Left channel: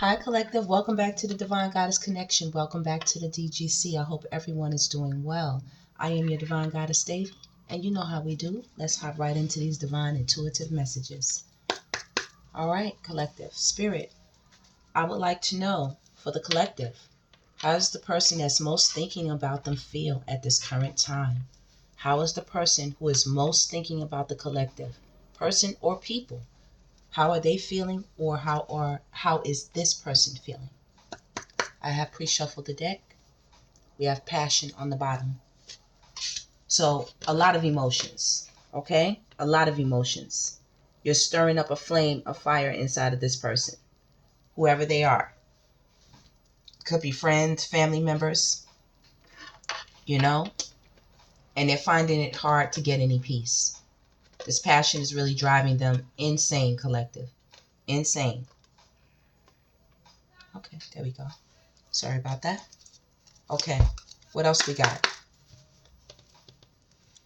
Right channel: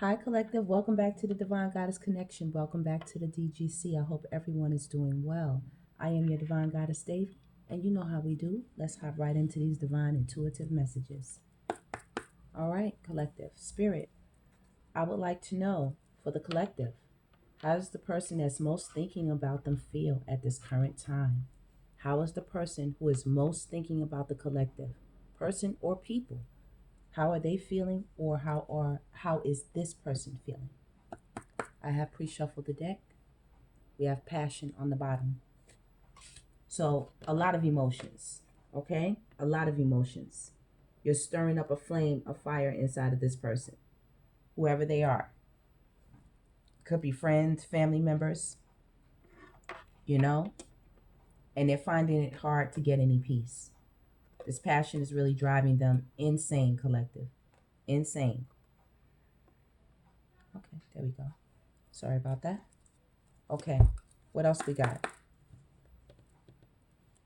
Hi, Collective. Welcome back to the Divine Goddess Connection. Welcome back to the DGC. I hope everyone is doing well. I am your Divine Goddess Dave, and you know how we do. Let's hop right into these divine intuitive messages. All right, Collective. Spirit, I would like to know for the Collective, how does the person that's most thinking about them feel at this current time? How is the person who is most thinking about the Collective, person or people? How are they feeling, or how is this person feeling? I have pre-shuffled the deck. We have passion on the bottom. So a lot of emotions, okay? A lot of emotions. You're stirring up a flame of fire inside of this person, whoever they are. Could be friends, family members, you know? And they're finding it hard to get any peace. This passion is really driving them insane, Collective. Insane. Okay, there we go. Sorry about that. Okay, what else we got?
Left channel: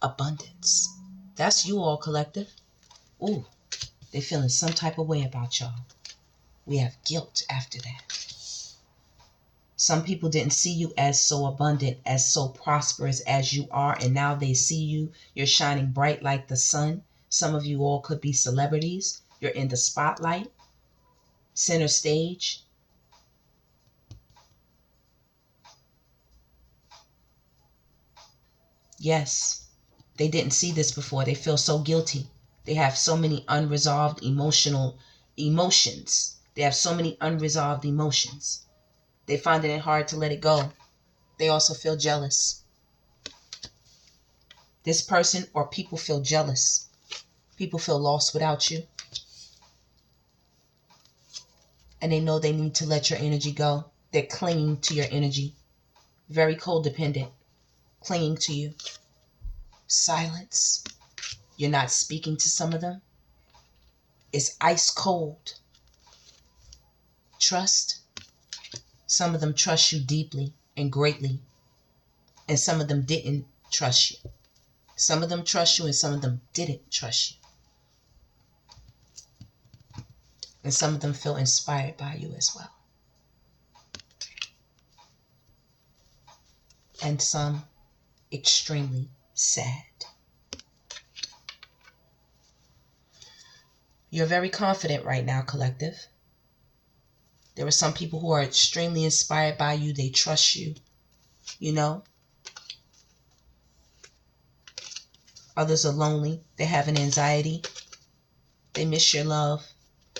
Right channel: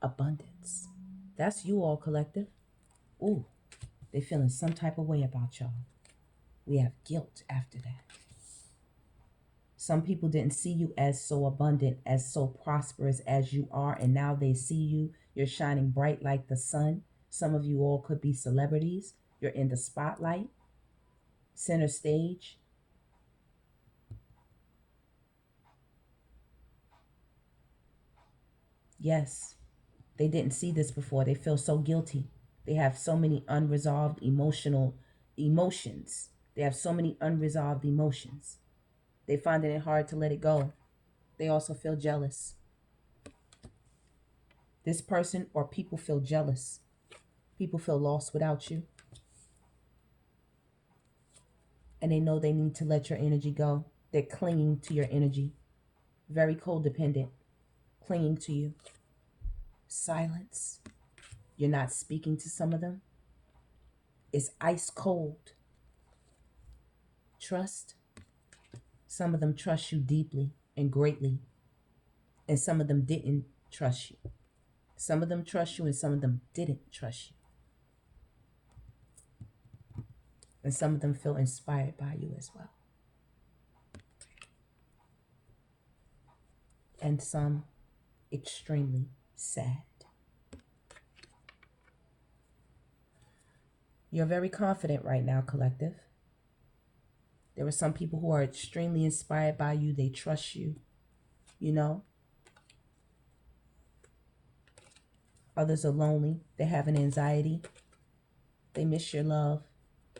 Abundance. That's you all, Collective. Ooh, they're feeling some type of way about y'all. We have guilt after that. Some people didn't see you as so abundant, as so prosperous as you are, and now they see you. You're shining bright like the sun. Some of you all could be celebrities. You're in the spotlight, center stage. Yes, they didn't see this before. They feel so guilty. They have so many unresolved emotions. They have so many unresolved emotions. They're finding it hard to let it go. They also feel jealous. This person or people feel jealous. People feel lost without you. And they know they need to let your energy go. They're clinging to your energy. Very codependent. Clinging to you. Silence. You're not speaking to some of them. It's ice cold. Trust. Some of them trust you deeply and greatly. And some of them didn't trust you. Some of them trust you and some of them didn't trust you. And some of them feel inspired by you as well. And some extremely sad. You're very confident right now, Collective. There are some people who are extremely inspired by you. They trust you, you know. Others are lonely. They have an anxiety. They miss your love.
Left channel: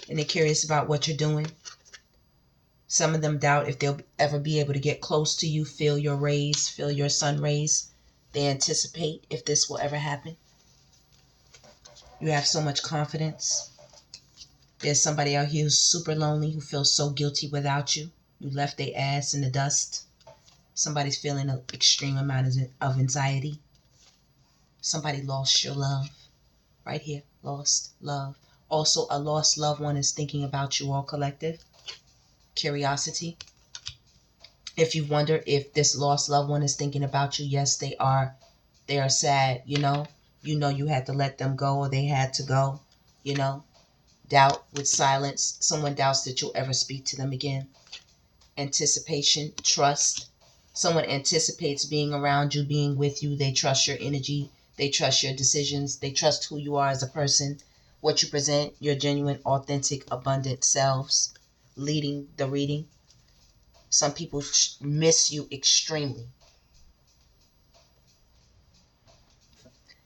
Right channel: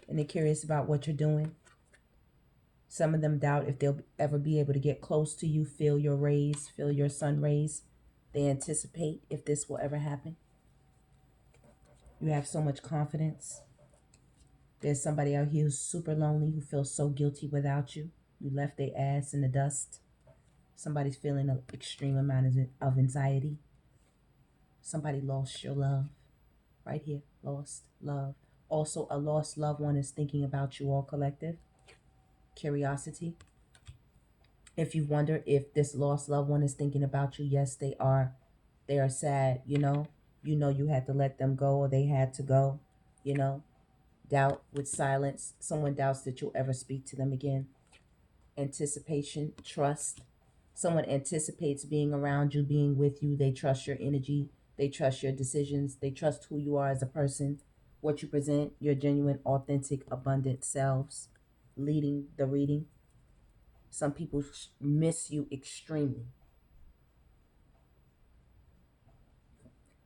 And they're curious about what you're doing. Some of them doubt if they'll ever be able to get close to you, feel your rays, feel your sun rays. They anticipate if this will ever happen. You have so much confidence. There's somebody out here who's super lonely, who feels so guilty without you. You left their ass in the dust. Somebody's feeling an extreme amount of anxiety. Somebody lost your love. Right here, lost love. Also, a lost loved one is thinking about you all, Collective. Curiosity. If you wonder if this lost loved one is thinking about you, yes, they are. They are sad, you know. You know you had to let them go, or they had to go, you know. Doubt with silence. Someone doubts that you'll ever speak to them again. Anticipation, trust. Someone anticipates being around you, being with you. They trust your energy. They trust your decisions. They trust who you are as a person, what you present, your genuine, authentic, abundant selves, leading the reading. Some people miss you extremely.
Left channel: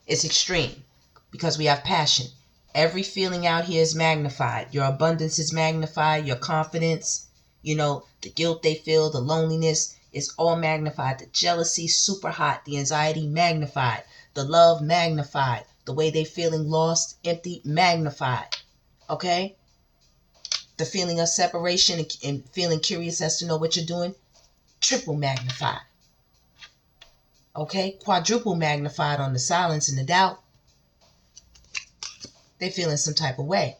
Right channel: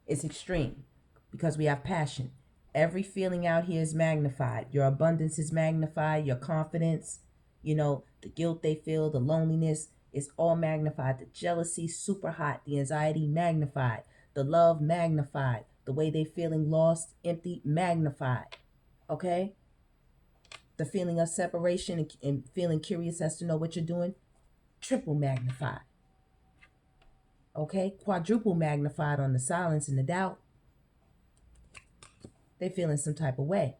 It's extreme because we have passion. Every feeling out here is magnified. Your abundance is magnified. Your confidence, you know, the guilt they feel, the loneliness is all magnified. The jealousy, super hot. The anxiety, magnified. The love, magnified. The way they feeling lost, empty, magnified. Okay? The feeling of separation and feeling curious as to know what you're doing, triple magnified. Okay? Quadruple magnified on the silence and the doubt. They feeling some type of way.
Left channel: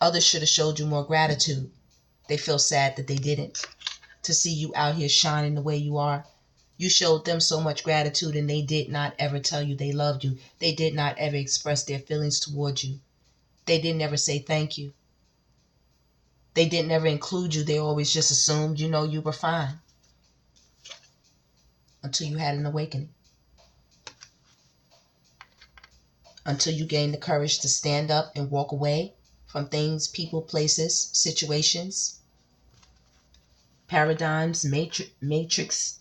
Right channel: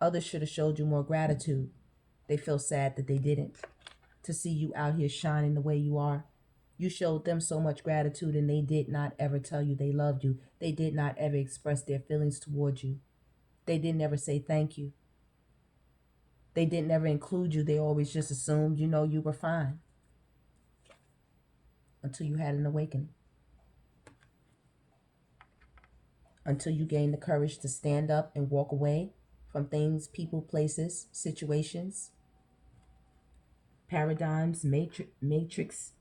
Others should have showed you more gratitude. They feel sad that they didn't. To see you out here shining the way you are. You showed them so much gratitude and they did not ever tell you they loved you. They did not ever express their feelings towards you. They didn't ever say thank you. They didn't ever include you. They always just assumed, you know, you were fine. Until you had an awakening. Until you gained the courage to stand up and walk away from things, people, places, situations, paradigms, matrices,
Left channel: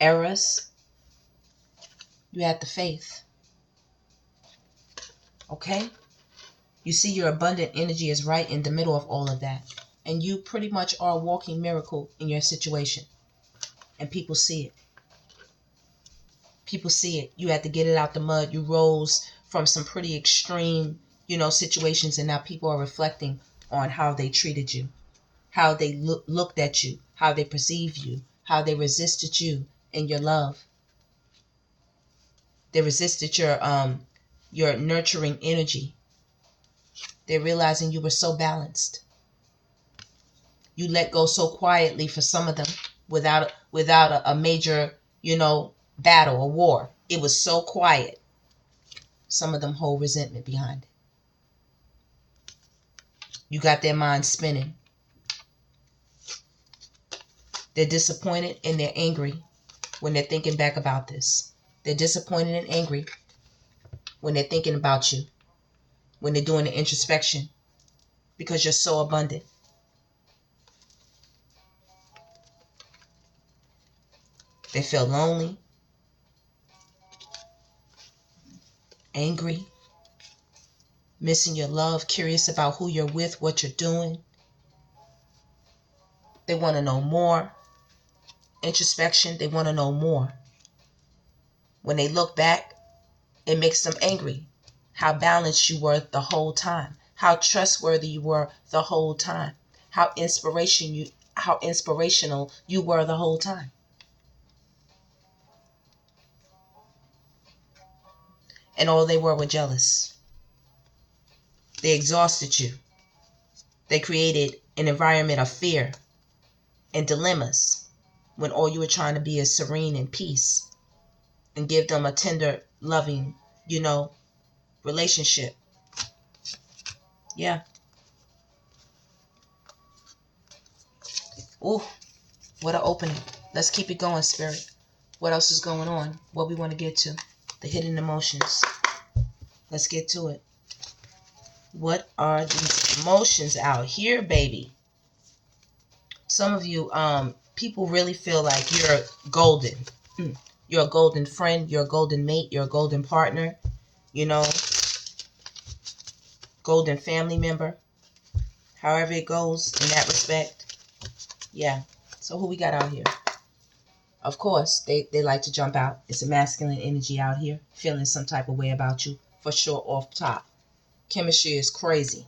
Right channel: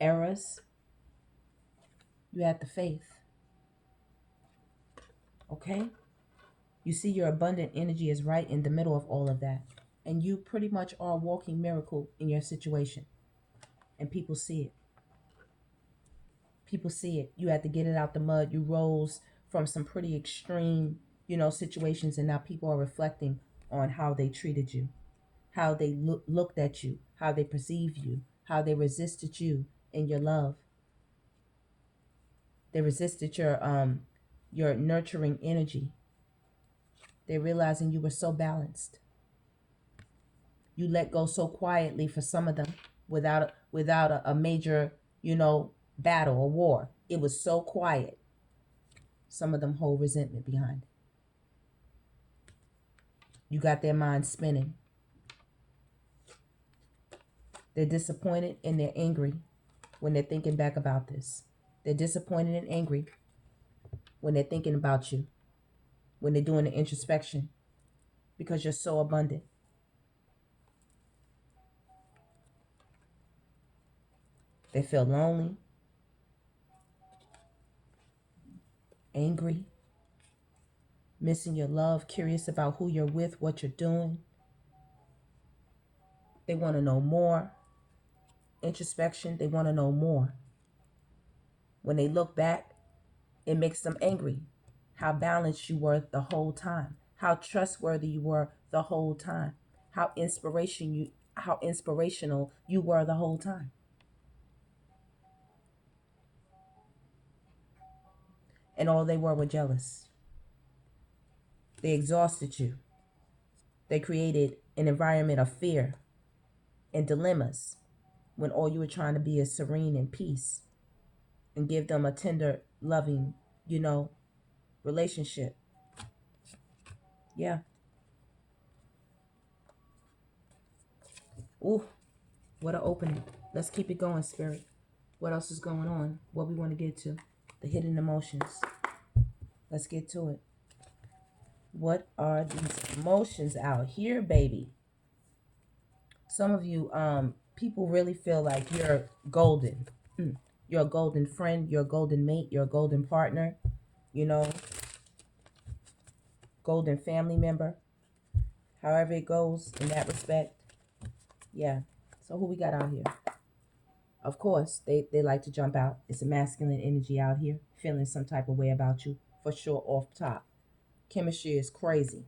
eras. You had the faith. Okay? You see, your abundant energy is right in the middle of all of that. And you pretty much are a walking miracle in your situation. And people see it. People see it. You had to get it out the mud. You rose from some pretty extreme, you know, situations. And now people are reflecting on how they treated you. How they looked at you. How they perceived you. How they resisted you in your love. They resisted your nurturing energy. They're realizing you were so balanced. You let go so quietly for some of them without a major, you know, battle or war. It was so quiet. Some of them hold resentment behind it. You got their minds spinning. They're disappointed and they're angry when they're thinking back about this. They're disappointed and angry when they're thinking about you, when they're doing the introspection, because you're so abundant. They feel lonely, angry, missing your love, curious about who you're with, what you're doing. They want to know more. Introspection, they want to know more. When they look back, it makes them angry. How balanced you were the whole time. How trustworthy you were the whole time. How inspirational you were the whole time. And all they were jealous. They exhausted you. They created an environment of fear and dilemmas when all you were trying to be is serene and peace and give them a tender, loving, you know, relationship. Yeah. Ooh, what an opening. Let's keep it going, Spirit. What else is going on? What we want to get to? The hidden emotions. Let's get to it. What are these emotions out here, baby? Some of you, people really feel like you're golden. You're a golden friend. You're a golden mate. You're a golden partner. You know, golden family member. However it goes in that respect. Yeah. So who we got out here? Of course, they like to jump out. It's a masculine energy out here. Feeling some type of way about you. For sure, off top. Chemistry is crazy.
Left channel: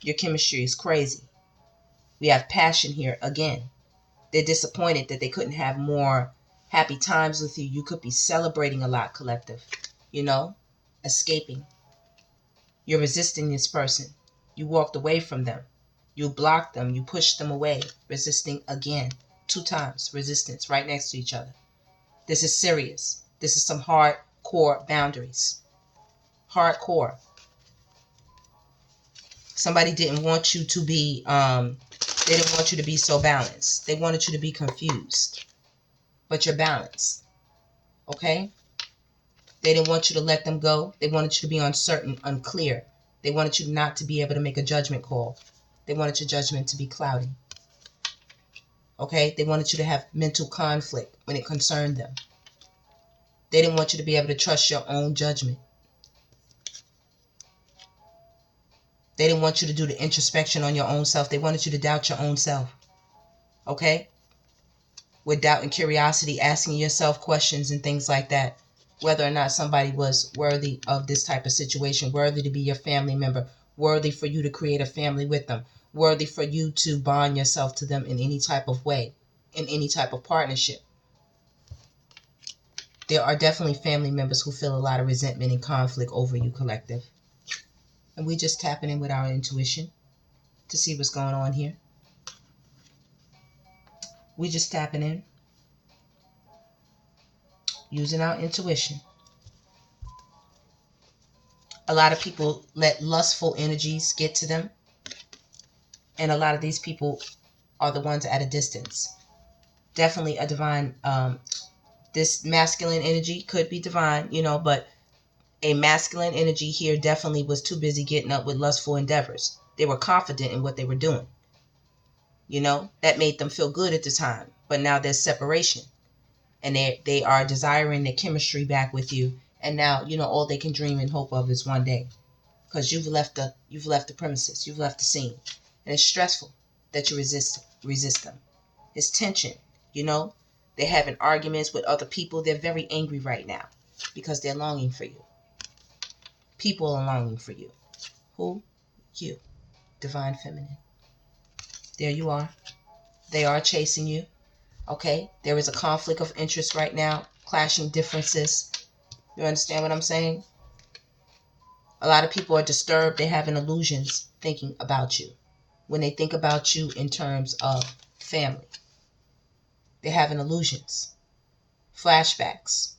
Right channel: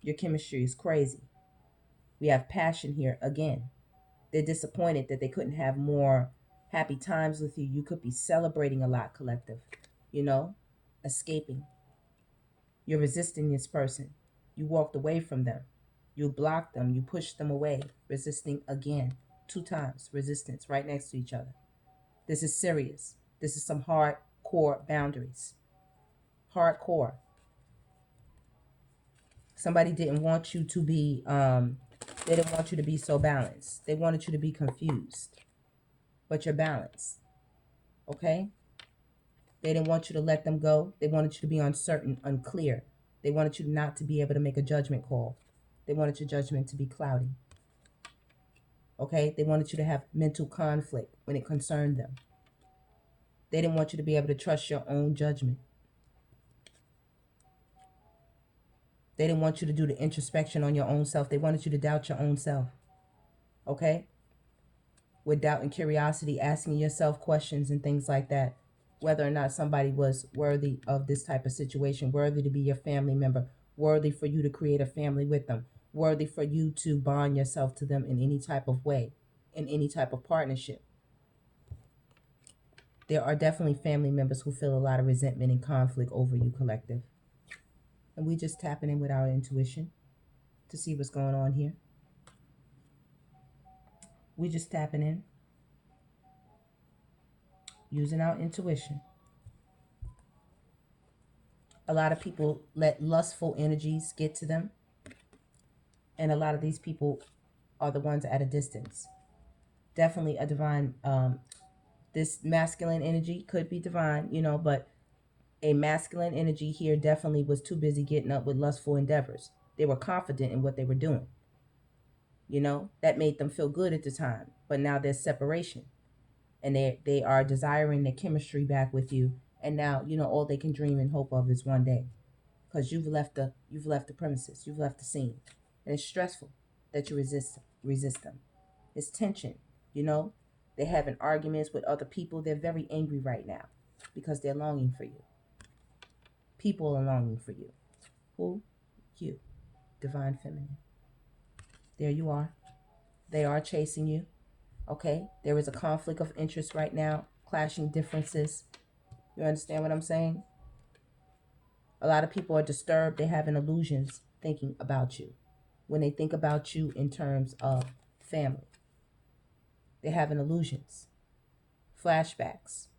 Your chemistry is crazy. We have passion here again. They're disappointed that they couldn't have more happy times with you. You could be celebrating a lot, collective. You know? Escaping. You're resisting this person. You walked away from them. You blocked them. You pushed them away. Resisting again. 2 times. Resistance right next to each other. This is serious. This is some hardcore boundaries. Hardcore. Somebody didn't want you to be, they didn't want you to be so balanced. They wanted you to be confused. But you're balanced. Okay? They didn't want you to let them go. They wanted you to be uncertain, unclear. They wanted you not to be able to make a judgment call. They wanted your judgment to be cloudy. Okay? They wanted you to have mental conflict when it concerned them. They didn't want you to be able to trust your own judgment. They didn't want you to do the introspection on your own self. They wanted you to doubt your own self. Okay? With doubt and curiosity, asking yourself questions and things like that. Whether or not somebody was worthy of this type of situation, worthy to be your family member, worthy for you to create a family with them, worthy for you to bond yourself to them in any type of way, in any type of partnership. There are definitely family members who feel a lot of resentment and conflict over you, collective. And we just tapping in with our intuition to see what's going on here. We just tapping in, using our intuition. A lot of people let lustful energies get to them. And a lot of these people are the ones at a distance. Definitely a divine, this masculine energy could be divine, but a masculine energy here definitely was too busy getting up with lustful endeavors. They were confident in what they were doing. That made them feel good at the time. But now there's separation. And they are desiring the chemistry back with you. And now, all they can dream and hope of is one day. Because you've left the premises. You've left the scene. And it's stressful that you resist them. It's tension, They're having arguments with other people. They're very angry right now because they're longing for you. People are longing for you. Who? You. Divine Feminine. There you are. They are chasing you. Okay? There is a conflict of interest right now. Clashing differences. You understand what I'm saying? A lot of people are disturbed. They're having illusions thinking about you. When they think about you in terms of family. They're having illusions. Flashbacks.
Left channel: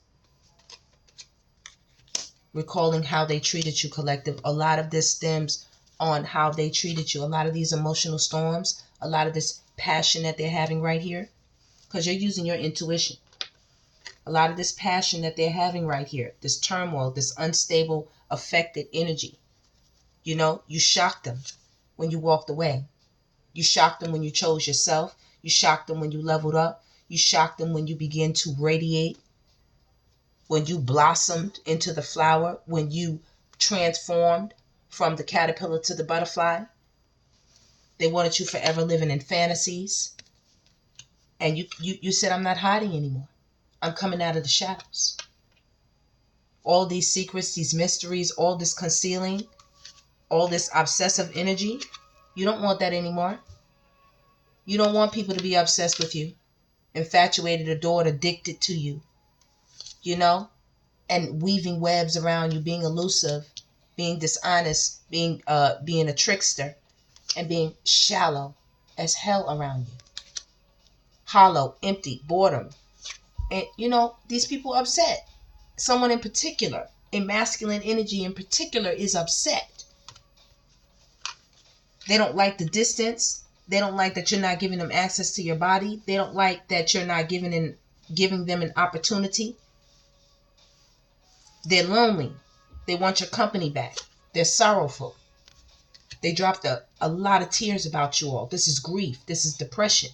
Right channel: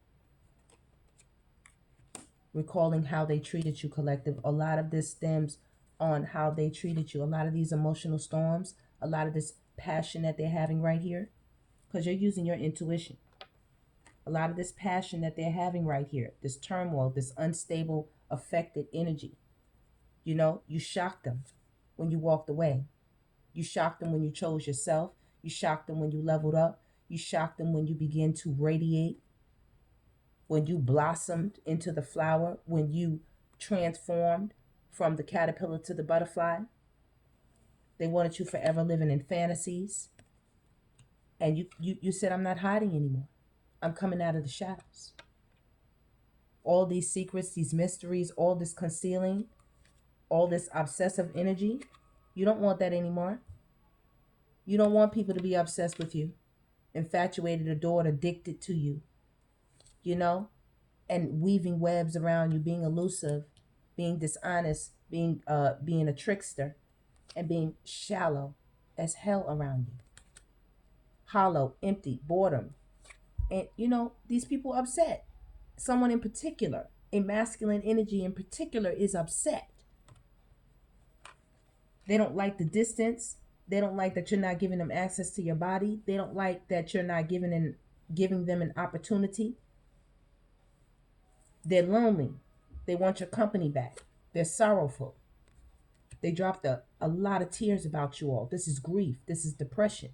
Recalling how they treated you, collective. A lot of this stems on how they treated you. A lot of these emotional storms, a lot of this passion that they're having right here, because you're using your intuition. A lot of this passion that they're having right here, this turmoil, this unstable, affected energy. You shocked them when you walked away. You shocked them when you chose yourself. You shocked them when you leveled up. You shocked them when you began to radiate. When you blossomed into the flower, when you transformed from the caterpillar to the butterfly. They wanted you forever living in fantasies. And you said, I'm not hiding anymore. I'm coming out of the shadows. All these secrets, these mysteries, all this concealing, all this obsessive energy, you don't want that anymore. You don't want people to be obsessed with you, infatuated, adored, addicted to you. And weaving webs around you, being elusive, being dishonest, being a trickster, and being shallow as hell around you. Hollow, empty, boredom. And these people are upset. Someone in particular, a masculine energy in particular, is upset. They don't like the distance. They don't like that you're not giving them access to your body. They don't like that you're not giving them an opportunity. They're lonely. They want your company back. They're sorrowful. They dropped a lot of tears about you all. This is grief. This is depression.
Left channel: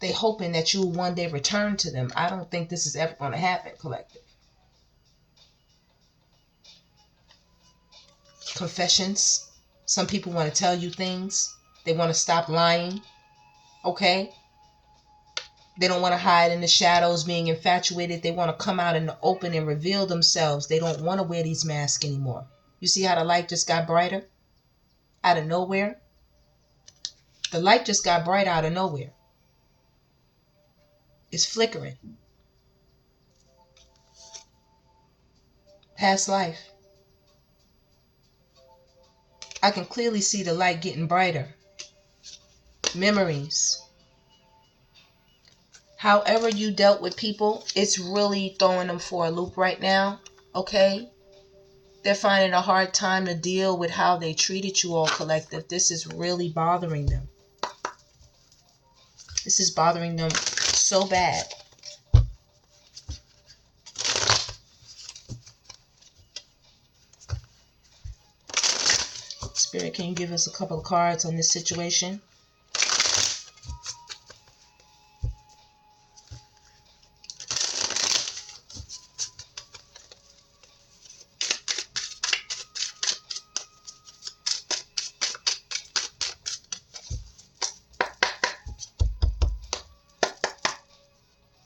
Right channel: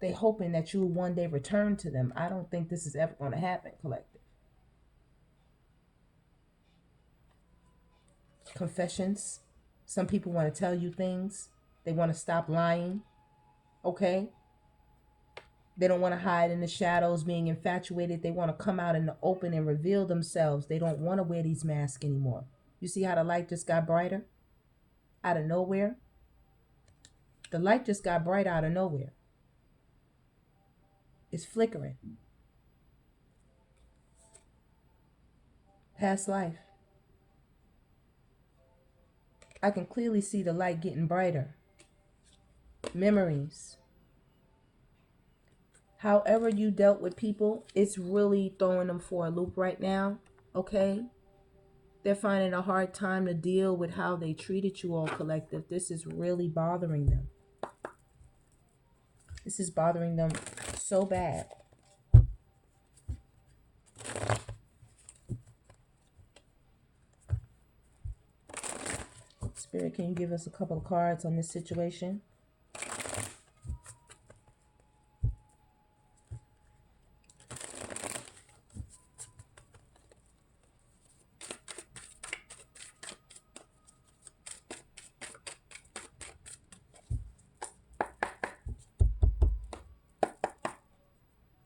They hoping that you will one day return to them. I don't think this is ever going to happen, collective. Confessions. Some people want to tell you things. They want to stop lying. Okay? They don't want to hide in the shadows being infatuated. They want to come out in the open and reveal themselves. They don't want to wear these masks anymore. You see how the light just got brighter? Out of nowhere? The light just got bright out of nowhere. It's flickering. Past life. I can clearly see the light getting brighter. Memories. However you dealt with people, it's really throwing them for a loop right now. Okay? They're finding a hard time to deal with how they treated you all, collective. This is really bothering them. This is bothering them so bad. Spirit, can you give us a couple of cards on this situation?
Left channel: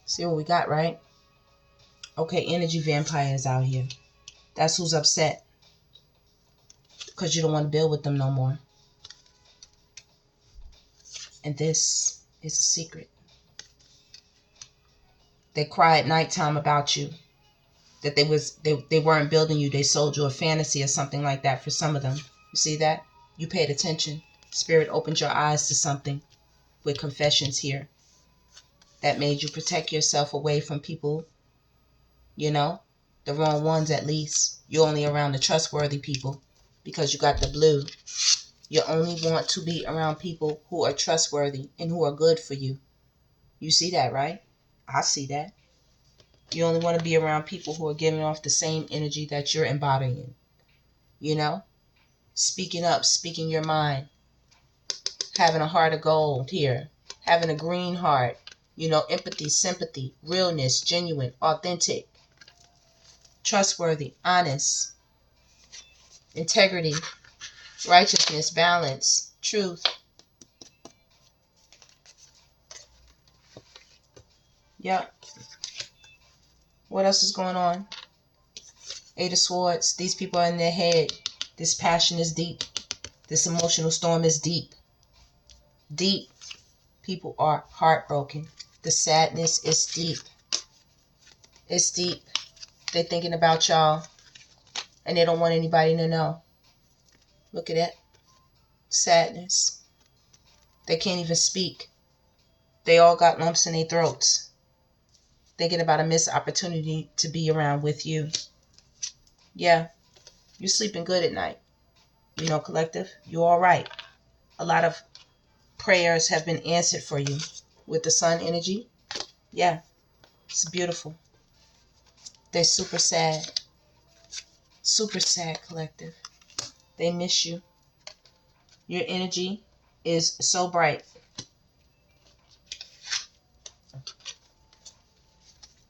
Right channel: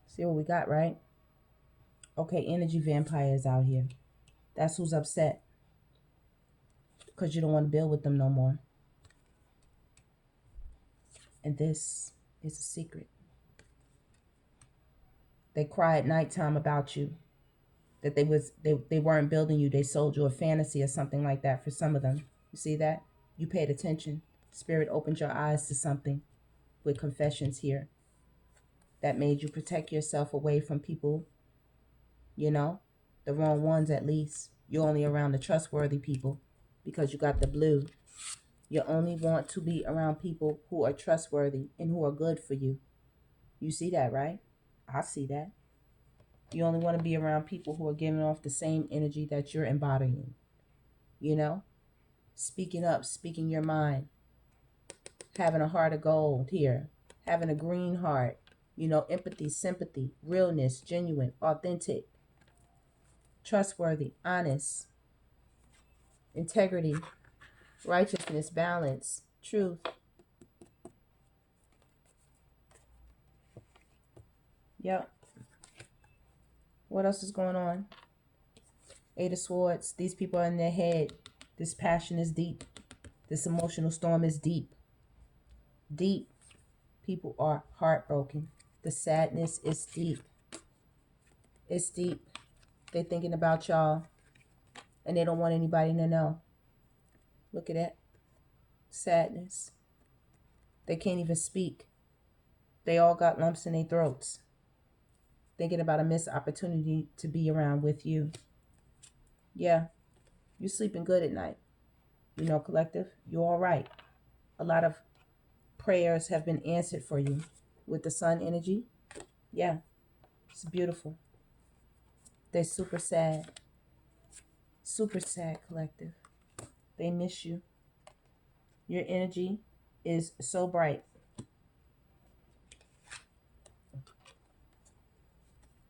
See what we got, right? Okay, energy vampires out here. That's who's upset. Because you don't want to build with them no more. And this is a secret. They cry at nighttime about you. That they weren't building you. They sold you a fantasy or something like that for some of them. You see that? You paid attention. Spirit opened your eyes to something with confessions here. That made you protect yourself away from people, the The wrong ones, at least. You're only around the trustworthy people because you got the blue. You only want to be around people who are trustworthy and who are good for you. You see that, right? I see that. You only want to be around people who are giving off the same energy that you're embodying. You know? Speaking up, speaking your mind. Having a heart of gold here. Having a green heart. You know, empathy, sympathy, realness, genuine, authentic, trustworthy, honest, integrity, righteousness, balance, truth. Yep. What else is going on? Eight of Swords. These people are in their head. This passion is deep. This emotional storm is deep. Deep. People are heartbroken. The sadness is deep. It's deep. They're thinking about y'all. And they don't want anybody to know. Look at that. Sadness. They can't even speak. They all got lumps in their throats. Thinking about a missed opportunity to be around with you. Yeah. You're sleeping good at night. You know, collective, you're all right. A lot of prayers have been answered for you with the sun energy. Yeah, it's beautiful. They're super sad. Super sad, collective. They miss you. Your energy is so bright.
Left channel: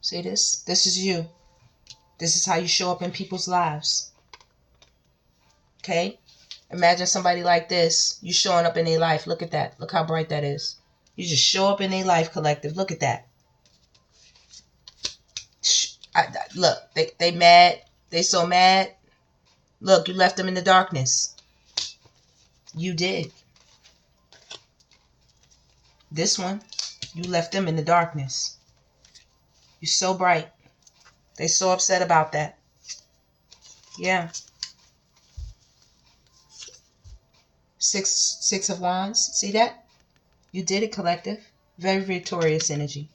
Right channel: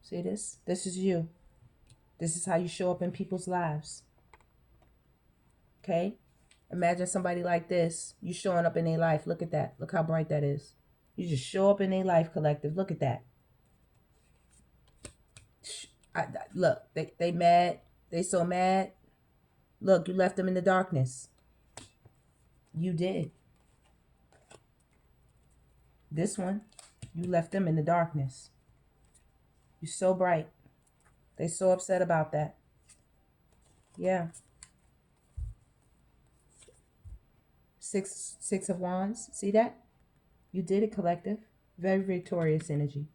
See this? This is you. This is how you show up in people's lives. Okay? Imagine somebody like this. You showing up in their life. Look at that. Look how bright that is. You just show up in their life, collective. Look at that. Look, they mad. They so mad. Look, you left them in the darkness. You did. This one, you left them in the darkness. You're so bright. They so upset about that. Yeah. Six of Wands. See that? You did it, collective. Very victorious energy.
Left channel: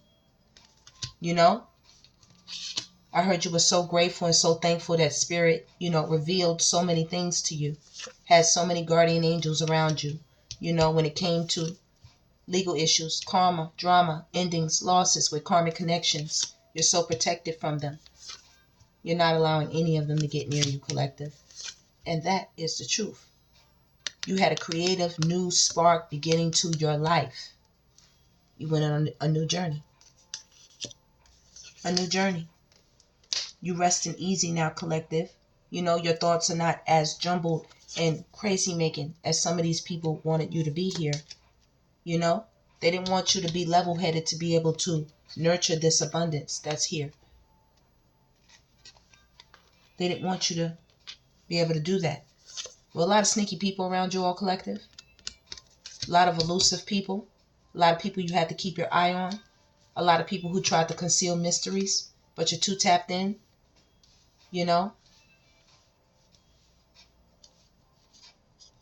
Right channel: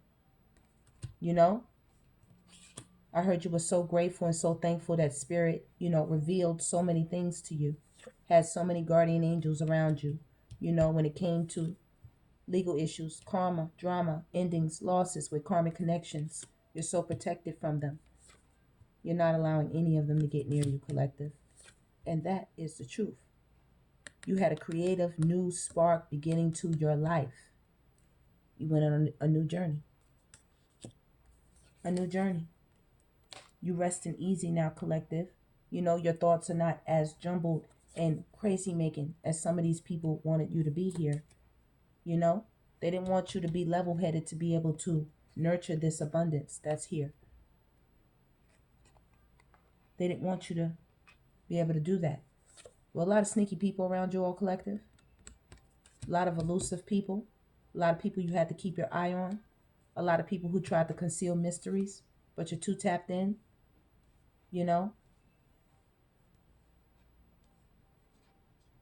You know? I heard you were so grateful and so thankful that Spirit, you know, revealed so many things to you. Had so many guardian angels around you. You know, when it came to legal issues, karma, drama, endings, losses with karmic connections. You're so protected from them. You're not allowing any of them to get near you, collective. And that is the truth. You had a creative new spark beginning to your life. You went on a new journey. A new journey. You resting easy now, collective. You know, your thoughts are not as jumbled and crazy making as some of these people wanted you to be here. You know, they didn't want you to be level-headed to be able to nurture this abundance that's here. They didn't want you to be able to do that. Well, a lot of sneaky people around you all, collective. A lot of elusive people. A lot of people you had to keep your eye on. A lot of people who tried to conceal mysteries, but you're too tapped in. You know?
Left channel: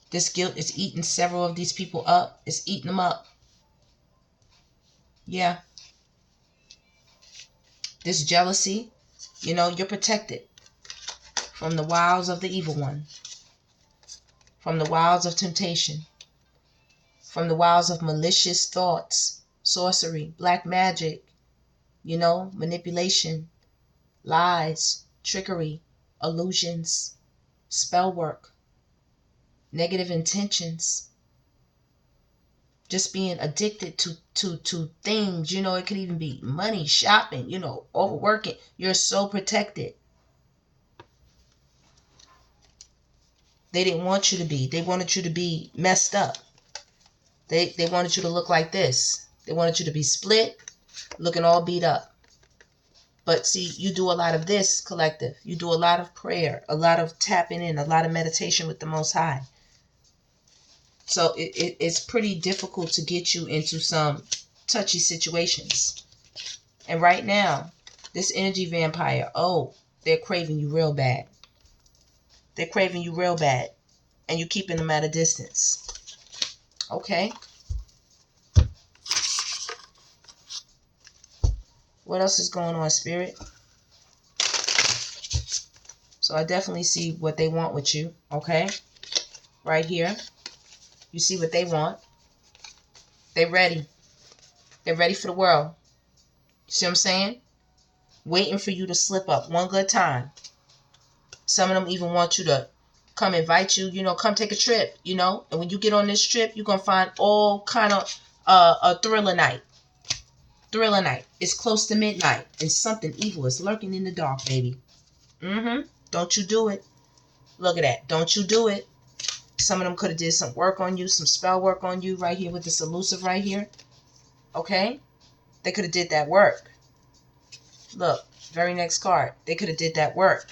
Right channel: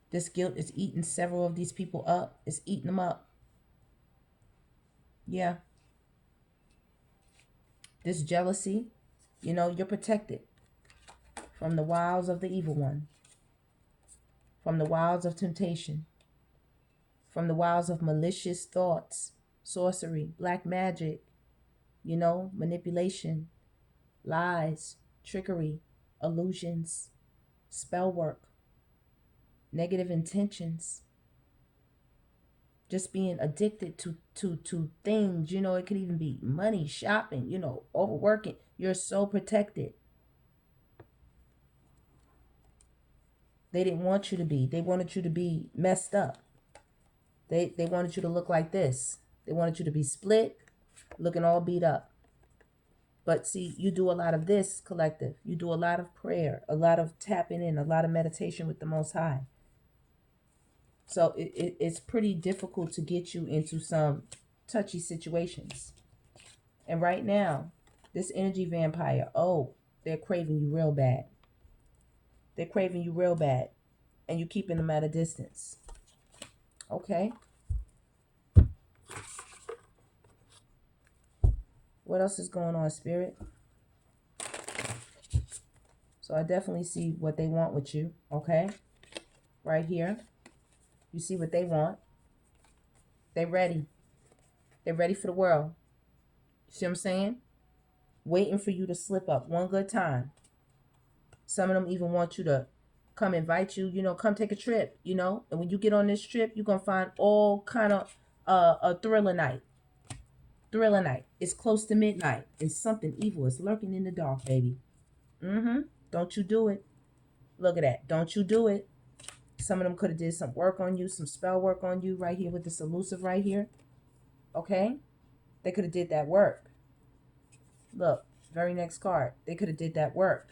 This guilt is eating several of these people up. It's eating them up. Yeah. This jealousy, you know, you're protected from the wiles of the evil one. From the wiles of temptation. From the wiles of malicious thoughts, sorcery, black magic, you know, manipulation, lies, trickery, illusions, spell work, negative intentions, just being addicted to things, you know, it could even be money, shopping, you know, overworking. You're so protected. They didn't want you to be. They wanted you to be messed up. They wanted you to look like this. They wanted you to be split, looking all beat up. But see, you do a lot of this, collective. You do a lot of prayer, a lot of tapping in, a lot of meditation with the Most High. So it's pretty difficult to get you into some touchy situations. And right now, this energy vampire, oh, they're craving you real bad. They're craving you real bad. And you're keeping them at a distance. Okay. What else is going on, Spirit? So I definitely see what they want with you, okay? Right here. You see what they want. They ready. They're ready for the world. You see what I'm saying? Waiting for you to slip up one good time. Some of them even want you to come invite you, you know, come take a trip, you know. And when you get on this trip, you're going to find all kind of a thriller night. Thriller night. It's close to midnight and something evil is lurking in the dark, baby. Don't you do it. Look at that. Don't you do it. Some of them could have did some work on you, some spell work on you right here with this elusive right here. Okay? They could have did that work. Look, very next card. They could have did that work.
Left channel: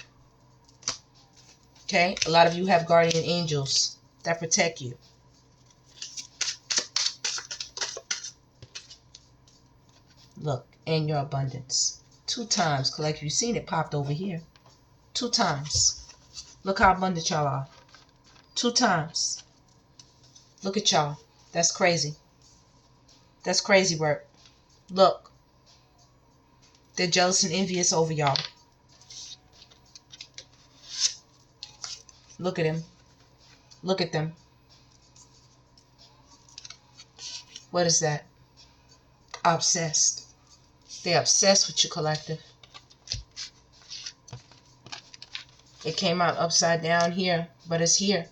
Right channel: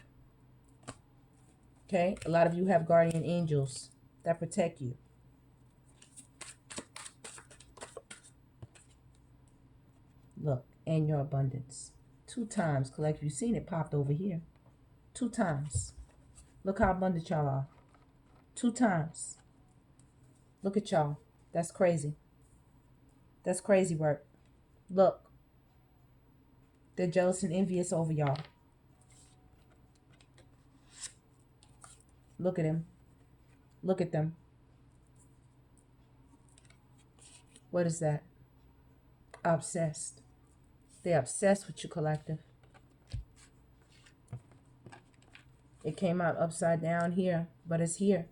Okay? A lot of you have guardian angels that protect you. Look, and your abundance. 2 times, collective. You've seen it popped over here. 2 times. Look how abundant y'all are. 2 times. Look at y'all. That's crazy. That's crazy work. Look. They're jealous and envious over y'all. Look at him. Look at them. What is that? Obsessed. They're obsessed with you, collective. It came out upside down here, but it's here.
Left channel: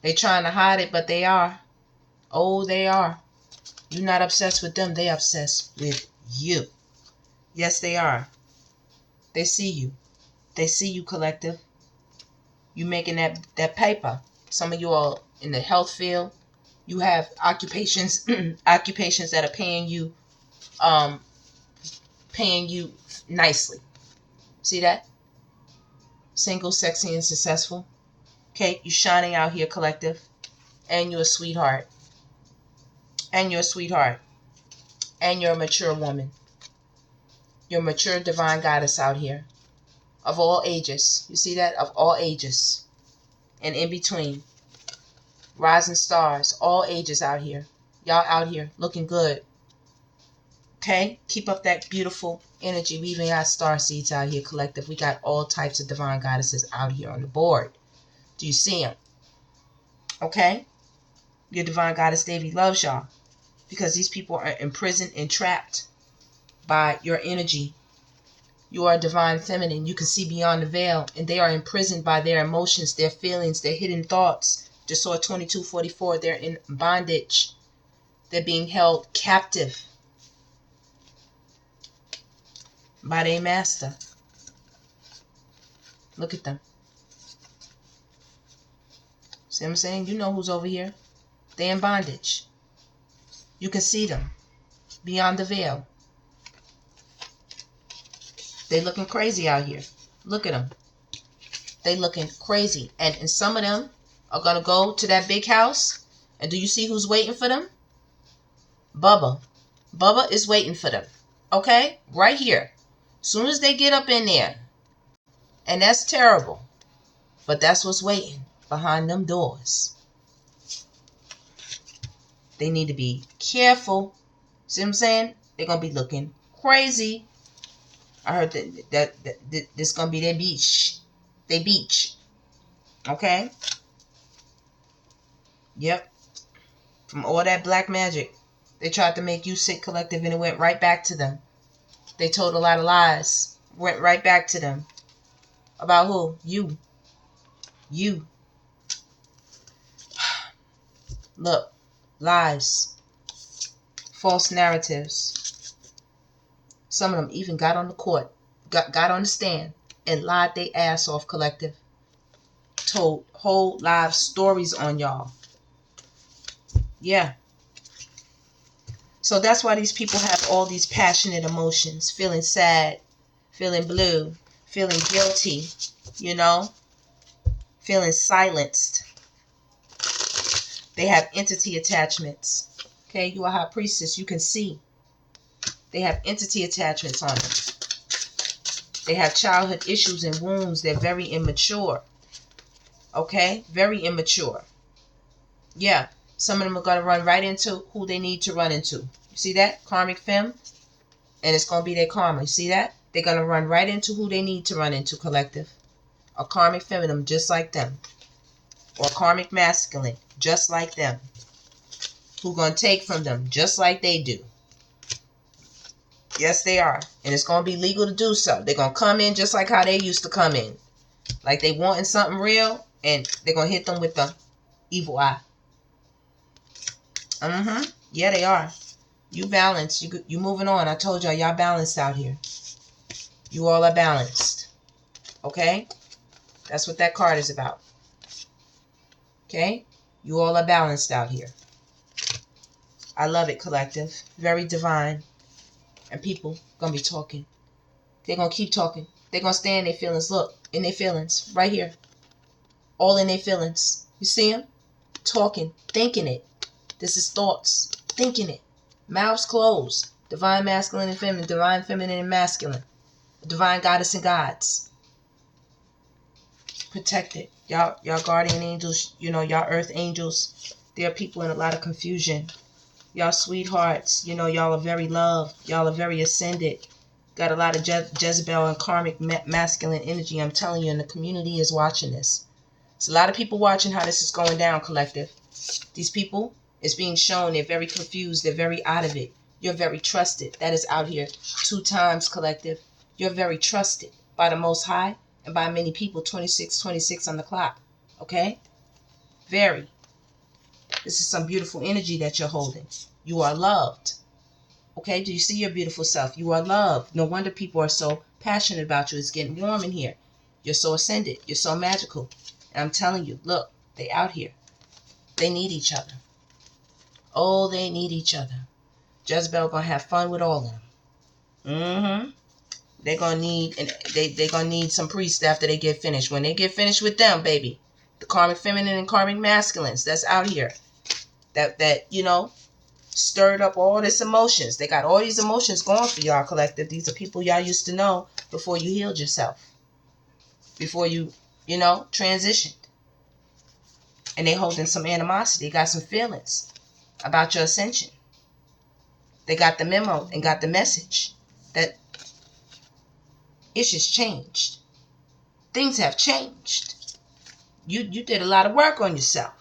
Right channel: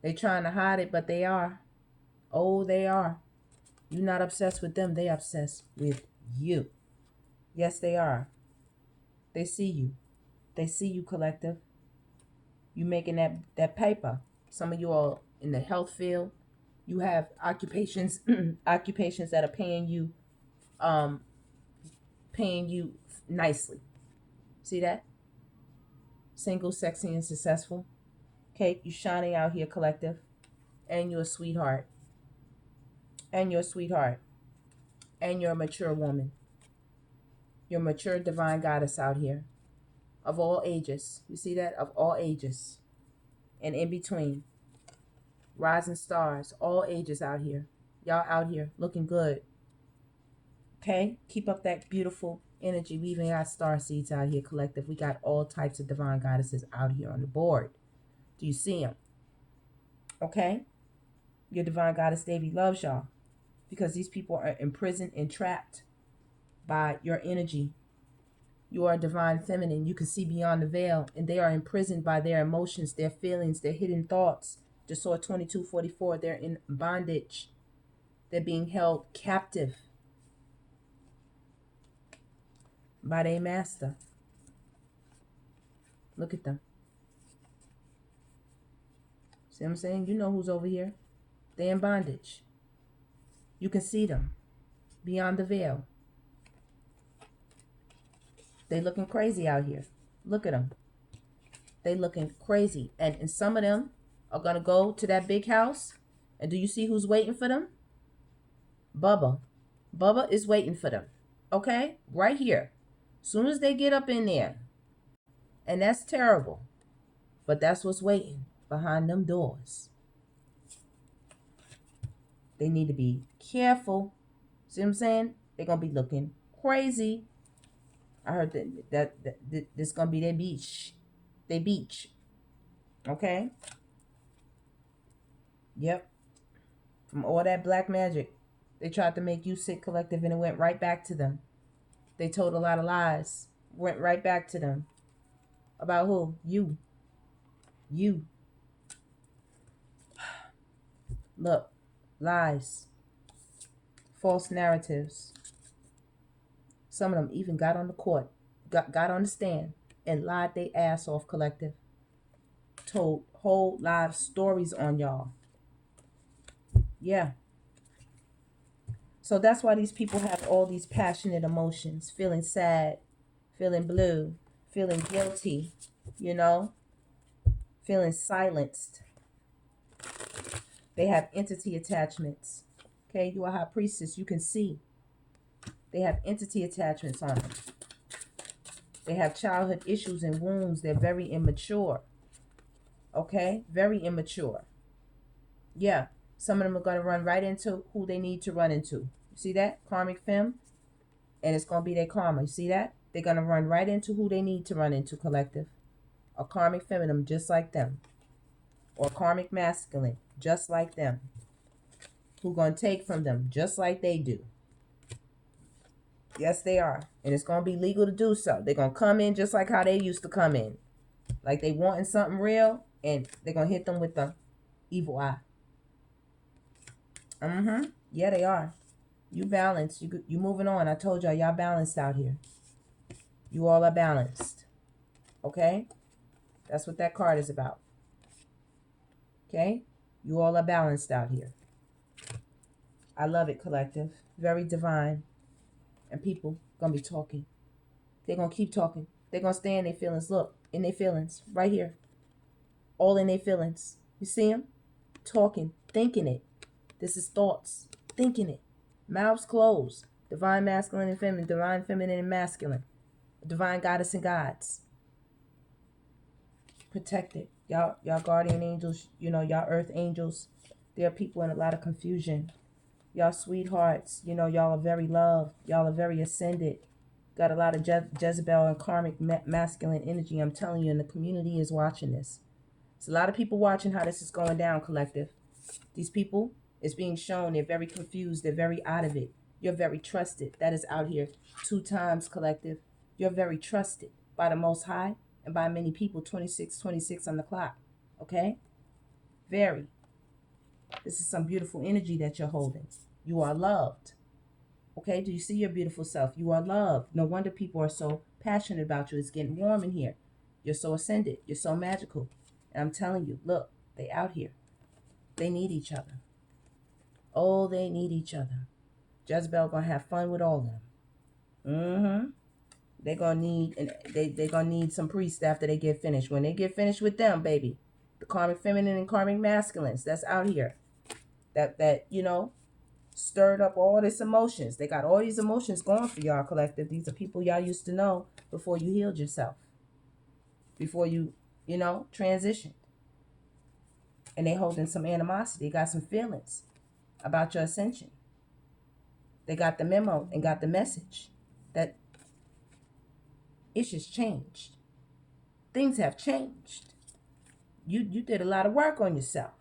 They trying to hide it, but they are. Oh, they are. You're not obsessed with them. They obsessed with you. Yes, they are. They see you. They see you, collective. You making that paper. Some of you are in the health field. You have occupations occupations that are paying you nicely. See that? Single, sexy, and successful. Okay, you shining out here, collective. And you're a sweetheart. And you're a sweetheart. And you're a mature woman. You're a mature divine goddess out here. Of all ages. You see that? Of all ages. And in between. Rising stars. All ages out here. Y'all out here looking good. Okay? Keep up that beautiful energy. We even got star seeds out here, collective. We got all types of divine goddesses out here on the board. Do you see them? Okay? Your divine goddess Devi loves y'all. Because these people are imprisoned and trapped by your energy. You are divine feminine. You can see beyond the veil. And they are imprisoned by their emotions, their feelings, their hidden thoughts. Just saw 2244. They're in bondage. They're being held captive by their master. Look at them. See what I'm saying? You know who's over here. They're in bondage. You can see them beyond the veil. They looking crazy out here. Look at them. They looking crazy. And some of them are going to go to that big house. And do you see who's waiting for them? Bubba. Bubba is waiting for them. Okay? Right here. Soon as they get up in there. And that's terrible. But that's what's waiting behind them doors. They need to be careful. See what I'm saying? They're going to be looking crazy. I heard that this is going to be their beach. Their beach. Okay? Yep. From all that black magic. They tried to make you sick, collective, and it went right back to them. They told a lot of lies. Went right back to them. About who? You. You. Look. Lies. False narratives. Some of them even got on the court. Got on the stand. And lied their ass off, collective. Told whole live stories on y'all. Yeah. So that's why these people have all these passionate emotions. Feeling sad. Feeling blue. Feeling guilty. You know. Feeling silenced. They have entity attachments. Okay, you are high priestess. You can see. They have entity attachments on them. They have childhood issues and wounds. They're very immature. Okay, very immature. Yeah, some of them are going to run right into who they need to run into. You see that? Karmic femme. And it's going to be their karma. You see that? They're going to run right into who they need to run into, collective. A karmic feminine just like them. Or karmic masculine just like them. Who gonna take from them just like they do. Yes, they are. And it's gonna be legal to do so. They're gonna come in just like how they used to come in. Like they wanting something real, and they're gonna hit them with the evil eye. Yeah, they are. You balanced. You moving on. I told y'all balanced out here. You all are balanced. Okay? That's what that card is about. Okay? You all are balanced out here. I love it, collective. Very divine. And people gonna be talking. They're gonna keep talking. They're gonna stay in their feelings. Look, in their feelings. Right here. All in their feelings. You see them? Talking. Thinking it. This is thoughts. Thinking it. Mouths closed. Divine masculine and feminine. Divine feminine and masculine. Divine goddess and gods. Protected. Y'all guardian angels, y'all earth angels. There are people in a lot of confusion. Y'all sweethearts, y'all are very loved. Y'all are very ascended. Got a lot of Jezebel and karmic masculine energy. I'm telling you, and the community is watching this. There's a lot of people watching how this is going down, collective. These people, it's being shown, they're very confused. They're very out of it. You're very trusted. That is out here 2 times, collective. You're very trusted by the Most High and by many people. 26 on the clock. Okay? Very. This is some beautiful energy that you're holding. You are loved. Okay? Do you see your beautiful self? You are loved. No wonder people are so passionate about you. It's getting warm in here. You're so ascended. You're so magical. And I'm telling you, look, they out here. They need each other. Oh, they need each other. Jezebel gonna have fun with all of them. They're gonna need, and they're gonna need some priests after they get finished. When they get finished with them, baby, the karmic feminine and karmic masculines that's out here, that stirred up all this emotions. They got all these emotions going for y'all, collective. These are people y'all used to know before you healed yourself, before you transitioned, and they holding some animosity. They got some feelings about your ascension. They got the memo and got the message that it's just changed. Things have changed. You did a lot of work on yourself.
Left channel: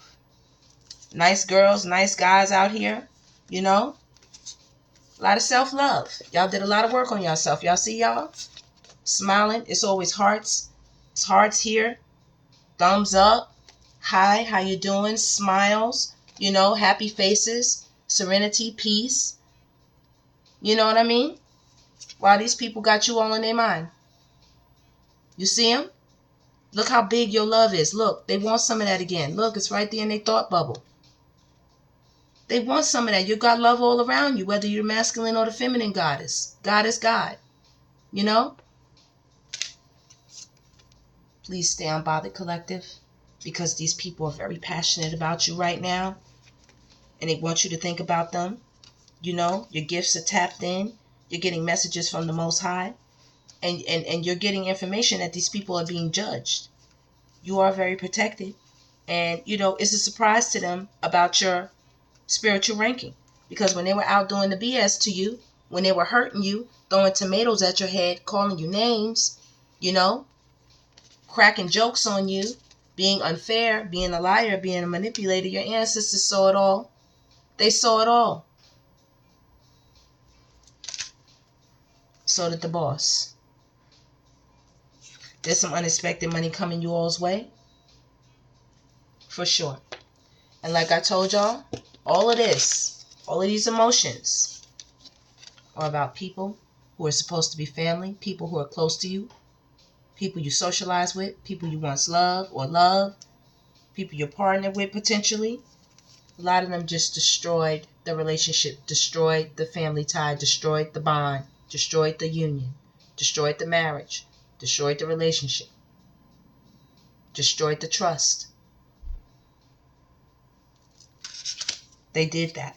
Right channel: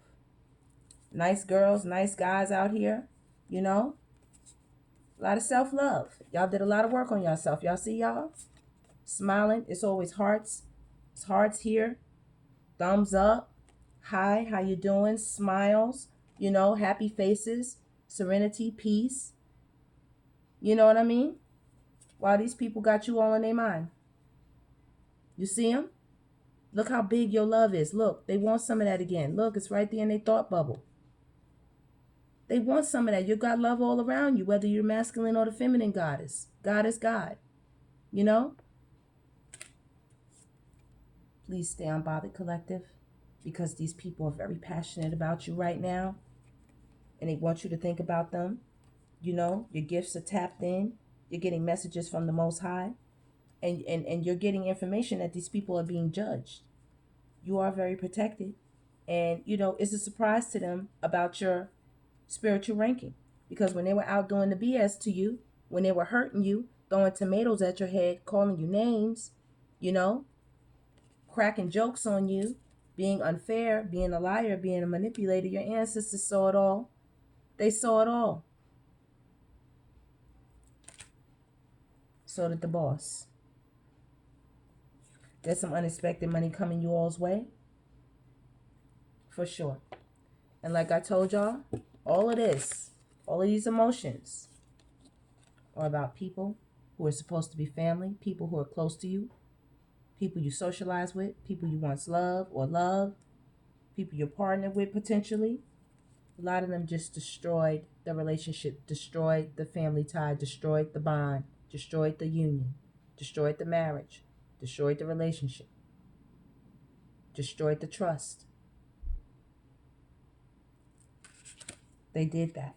Nice girls, nice guys out here, a lot of self-love. Y'all did a lot of work on yourself. Y'all see y'all? Smiling. It's always hearts. It's hearts here. Thumbs up. Hi, how you doing? Smiles. Happy faces. Serenity, peace. You know what I mean? Wow, these people got you all in their mind. You see them? Look how big your love is. Look, they want some of that again. Look, it's right there in their thought bubble. They want some of that. You got love all around you, whether you're masculine or the feminine goddess. God is God. Please stay unbothered, collective, because these people are very passionate about you right now, and they want you to think about them. Your gifts are tapped in. You're getting messages from the Most High, and you're getting information that these people are being judged. You are very protected, and it's a surprise to them about your spiritual ranking, because when they were out doing the BS to you, when they were hurting you, throwing tomatoes at your head, calling you names, cracking jokes on you, being unfair, being a liar, being a manipulator, your ancestors saw it all. They saw it all. So did the boss. There's some unexpected money coming you all's way. For sure. And like I told y'all, all of these emotions are about people who are supposed to be family, people who are close to you, people you socialize with, people you once loved or love, people you're partnered with potentially. A lot of them just destroyed the relationship, destroyed the family tie, destroyed the bond, destroyed the union, destroyed the marriage, destroyed the relationship, destroyed the trust. They did that.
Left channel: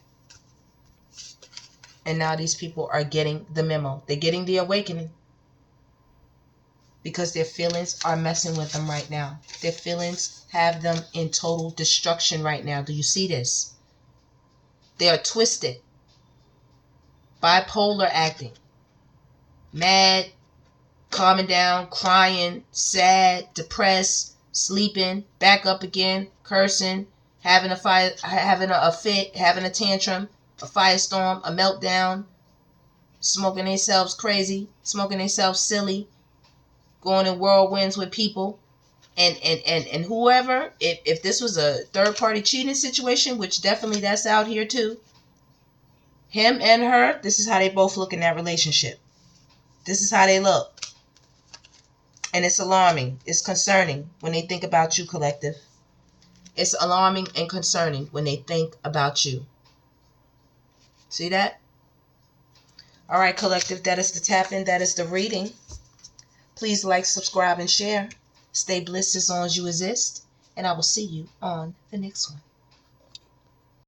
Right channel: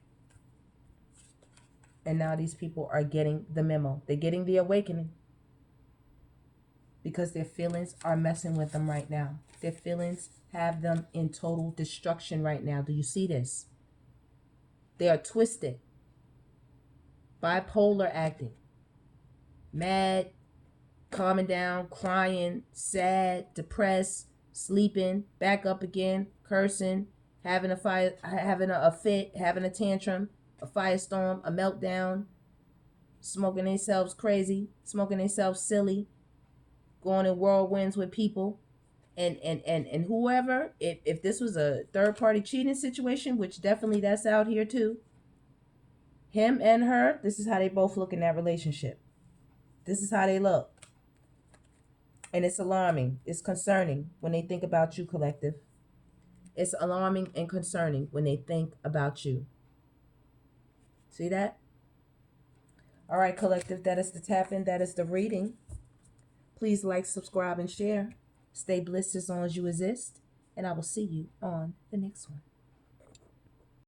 And now these people are getting the memo. They're getting the awakening. Because their feelings are messing with them right now. Their feelings have them in total destruction right now. Do you see this? They are twisted. Bipolar acting. Mad. calming down, crying, sad, depressed, sleeping, back up again, cursing, having a fit, having a tantrum, a firestorm, a meltdown, smoking themselves crazy, smoking themselves silly, going in whirlwinds with people. And whoever, if this was a third party cheating situation, which definitely that's out here too, him and her, this is how they both look in that relationship. This is how they look. And it's alarming. It's concerning when they think about you, collective. It's alarming and concerning when they think about you. See that? All right, collective, that is the tap-in. That is the reading. Please like, subscribe, and share. Stay blissed as long as you exist. And I will see you on the next one.